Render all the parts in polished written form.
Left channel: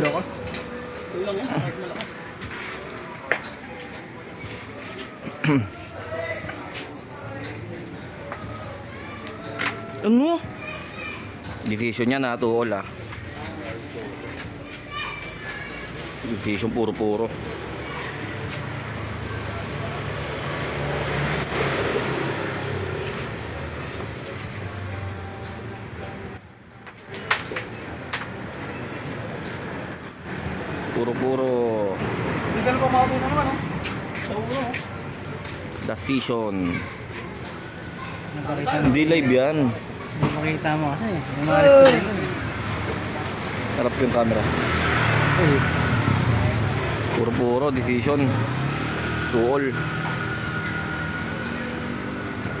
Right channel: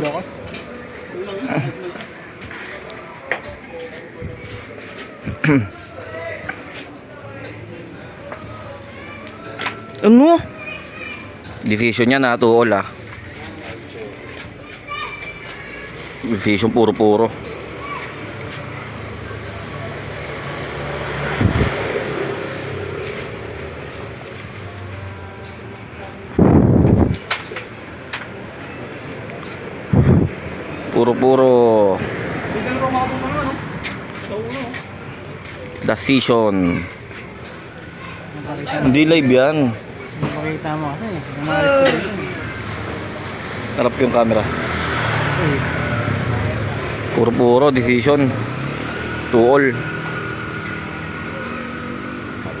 Lokos. Ano? Decision niya na tuol ah. Decision puro-puro. Puro-puro. Hindi ka na ba makatulong naman, no? Sa ulo, no? Decision. Napakita mo. Hindi live yan. Napakita mo kasi. Yung mga restoration. Harap yung camera. Uy. Puro-puro decision. Tuol.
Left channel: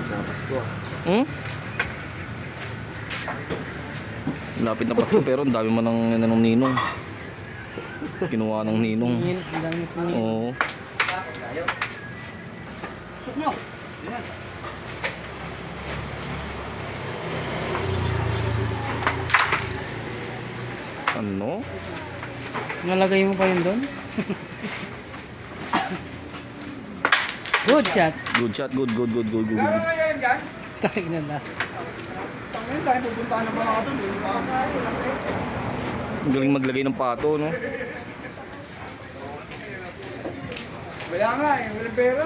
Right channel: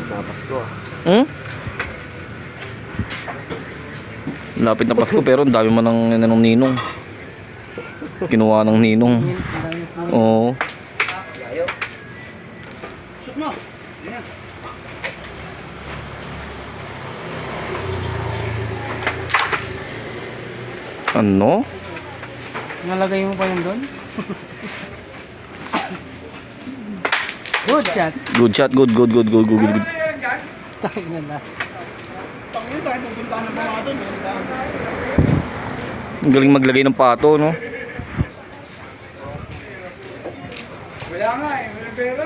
Pasko ah. Hmm? Lapit na Pasko pero ang dami man ng ninong. Kinuha ng ninong. Ang dami na sinin. Oo. Shoot nyo. Yan. Ano? Nalagay mo pa yun doon? Good shot. Good shot, good. Tayo na last. Tangin tayo pupuntahan ng mga doon. Ang galing maglagay ng pato, no? Wala nga eh, walang pera.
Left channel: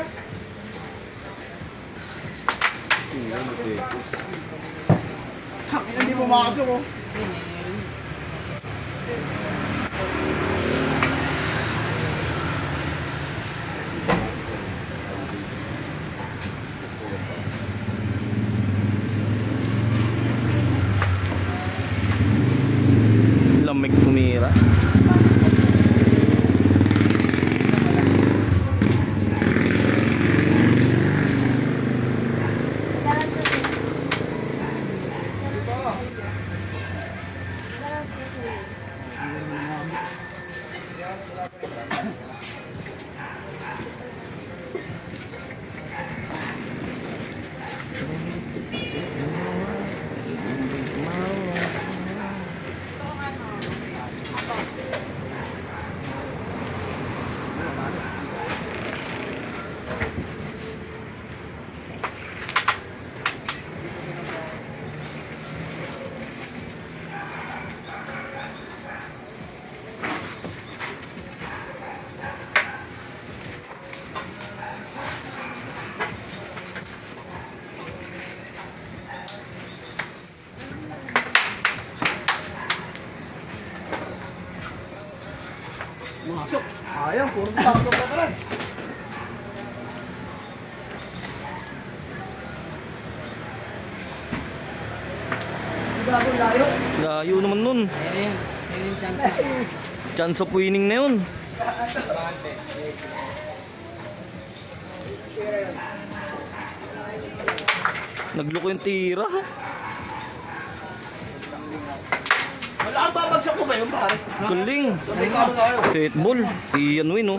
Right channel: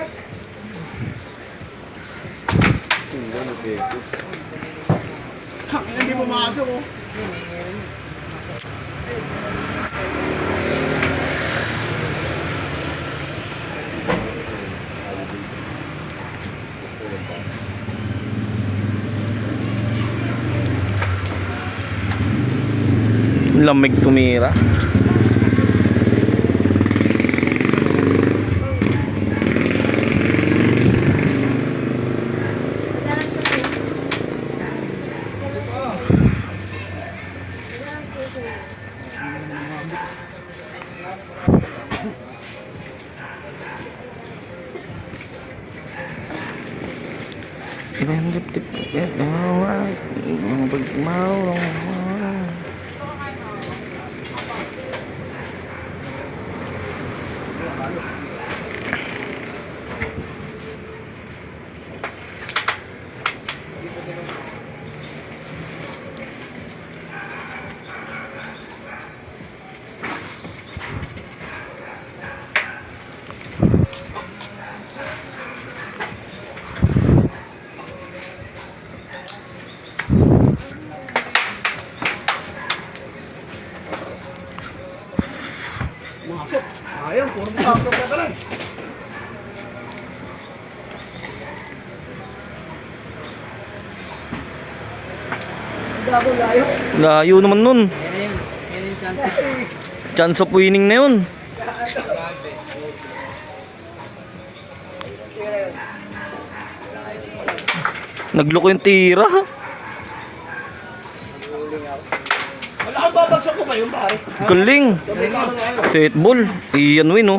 Tangin hindi pumasok oh. Lamig tumira. Masok. Sayang, puro sakto ka talaga. Layo naman nun. Alien chances. Chance of winning na yun. Nagloko yung tira. Wala kang babagsak ko ba yun pare? Galing. Sabay ka na tayo. Set ball. Iyan win, oh.